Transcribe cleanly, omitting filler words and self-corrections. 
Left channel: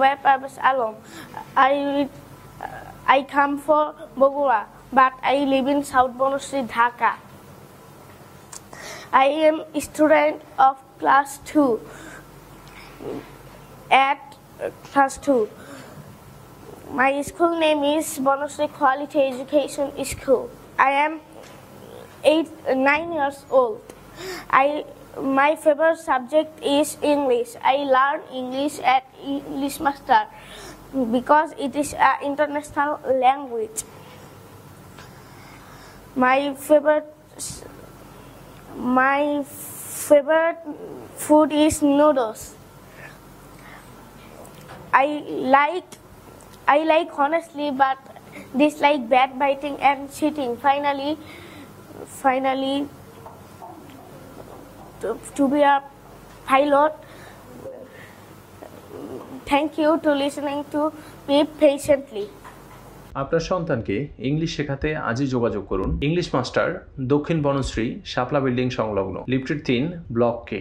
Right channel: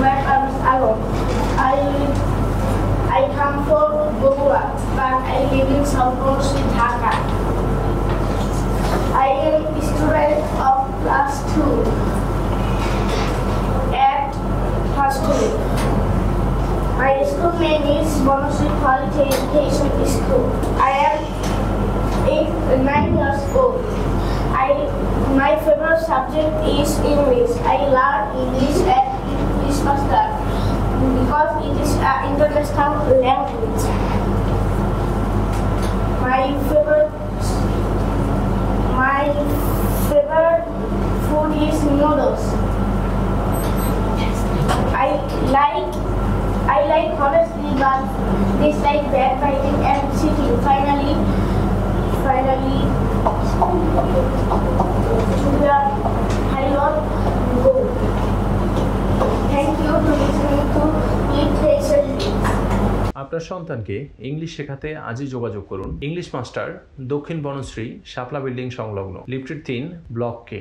my parents alone. I come from Bogua, but I live in South Bonusri, Dhaka. I am a student of class 2 at class 2. My school name is Bonusri Quality Education School. I am 9 years old. My favorite subject is English. I learn English at English Master because it is an international language. My favorite food is noodles. I like honestly, but dislike backbiting and cheating. Finally, to be a pilot. Thank you to listening to me patiently. আপনার সন্তানকে English শেখাতে আজই যোগাযোগ করুন English master, দক্ষিণ বনশ্রী, শাপলা building সংলগ্ন, lifted 3, block কে।